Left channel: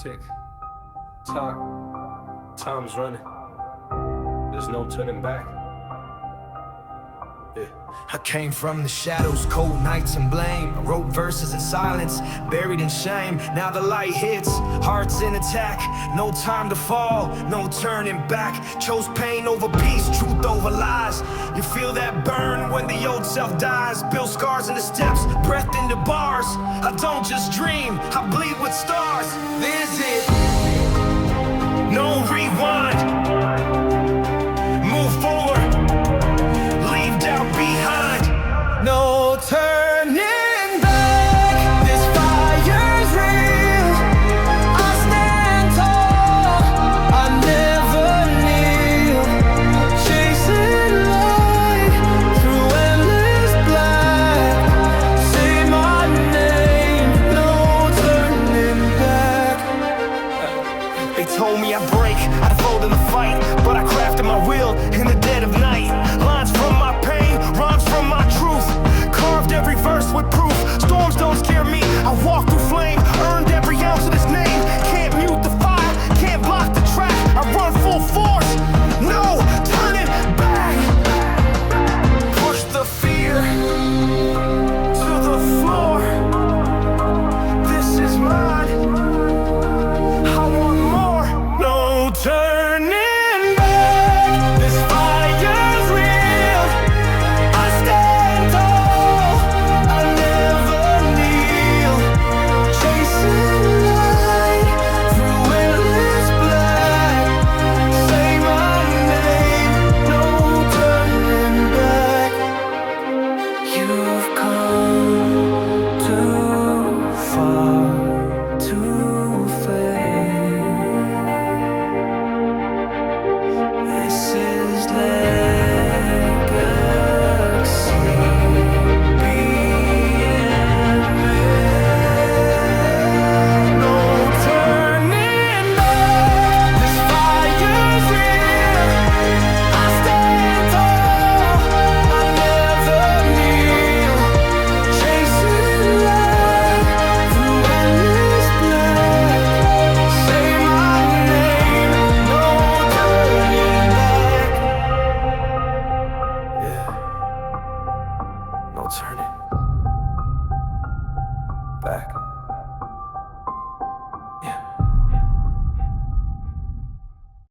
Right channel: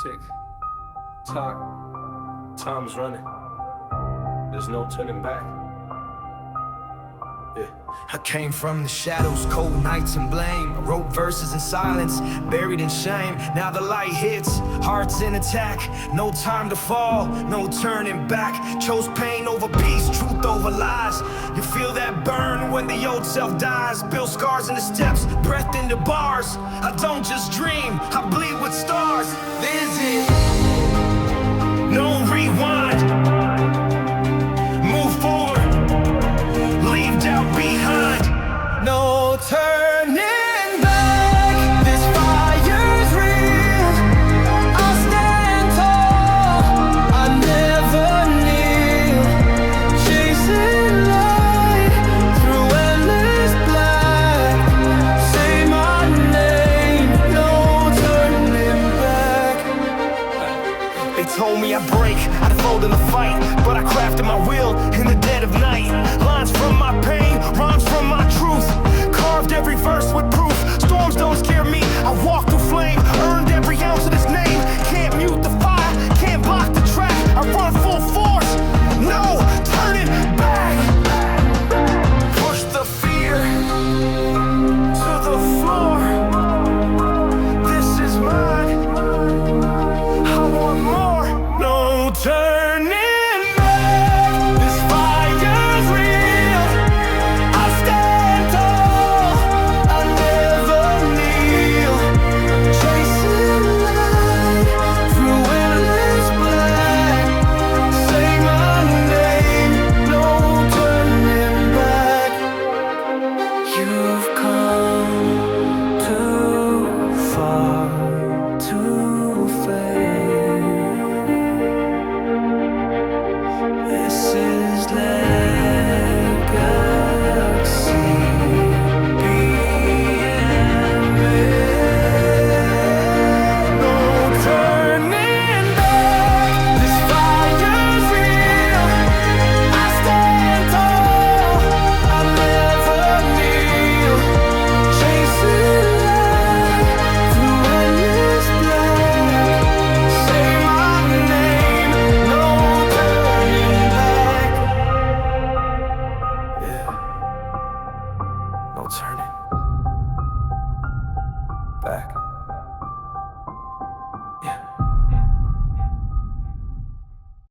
Tick tock, time's running. There's no turning back. Yeah. I came from the shadows, cold nights and blame. I wrote verses in silence, buried in shame. Now the light hits, hearts in attack. No time to fall, no turning back. Chose pain over peace, truth over lies. You feel that burn when the old self dies. Build scars in the steps, breath into bars. I don't just dream, I bleed with stars. Visit, no rewind. Move forward, leave doubt behind. No turning back, this fire's real. I stand tall, I never kneel. Chasing light through endless black. Say my name, no turning back. They told me I'd break, I'd fold in the fight, but I crafted my will in the dead of night. Lines from my pain, rhymes from my truth. Carved every verse with proof. Storms don't scare me, I walk through flame. Earned every ounce of this name. Can't mute the fire, can't block the track. I run full force, no,